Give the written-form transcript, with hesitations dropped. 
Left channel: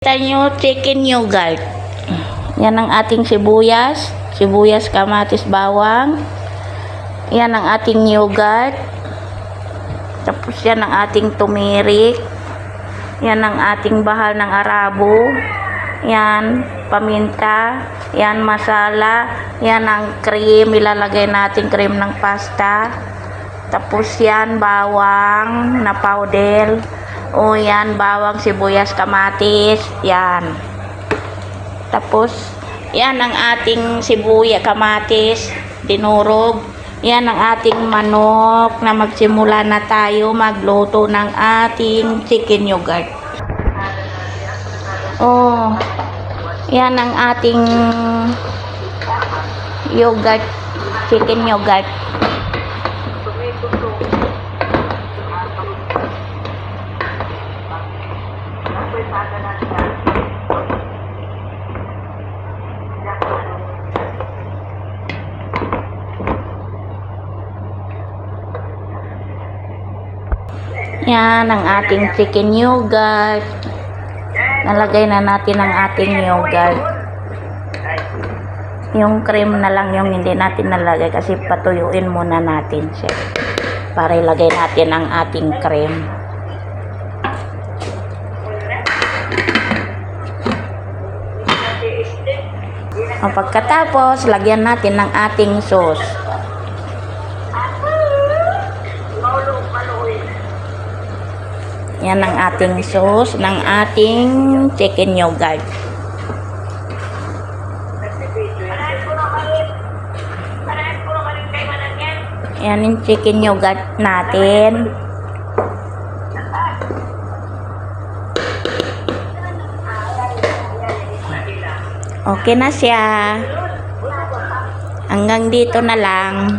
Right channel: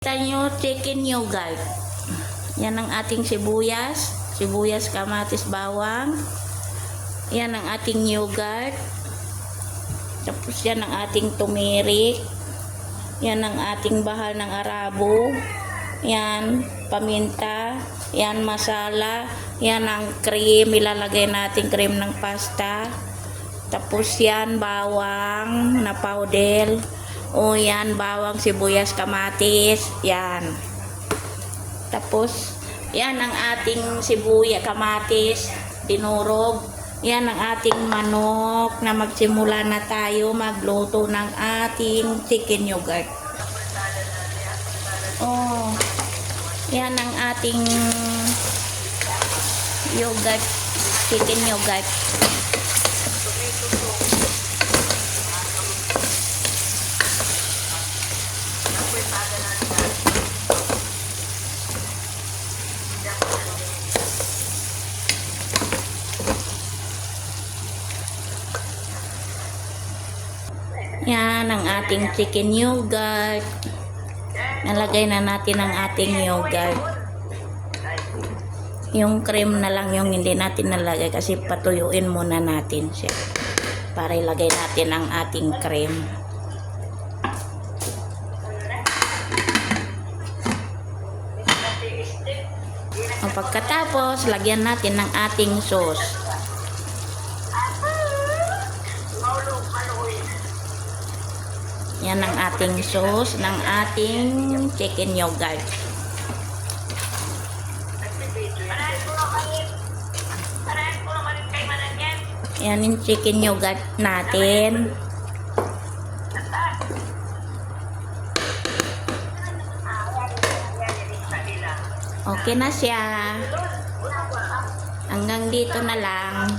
Kita nyo, chicken yogurt. Yan ang ating sibuyas, kamatis, bawang. Yan ang ating yogurt. Tapos yan ang ating turmeric. Yan ang ating bahal ng arabo. Yan, paminta. Yan, masala. Yan ang cream, ilalagay natin cream ng pasta. Tapos yan, bawang na powder. O yan, bawang, sibuyas, kamatis. Yan. Tapos, yan ang ating sibuyas, kamatis, dinurog. Yan ang ating manok na magsimula na tayo magluto ng ating chicken yogurt. Oh, yan ang ating yogurt, chicken yogurt. Yan ang ating chicken yogurt. Nalagay na natin ang ating yogurt. Yung cream na lang yung hindi natin nalagay kasi patuyuin muna natin siya para ilagay natin ang ating cream. O pagkatapos, lagyan natin ng ating sauce. Yan ang ating sauce ng ating chicken yogurt. Yan yung chicken yogurt natin. Okay na siya. Hanggang dito na lang.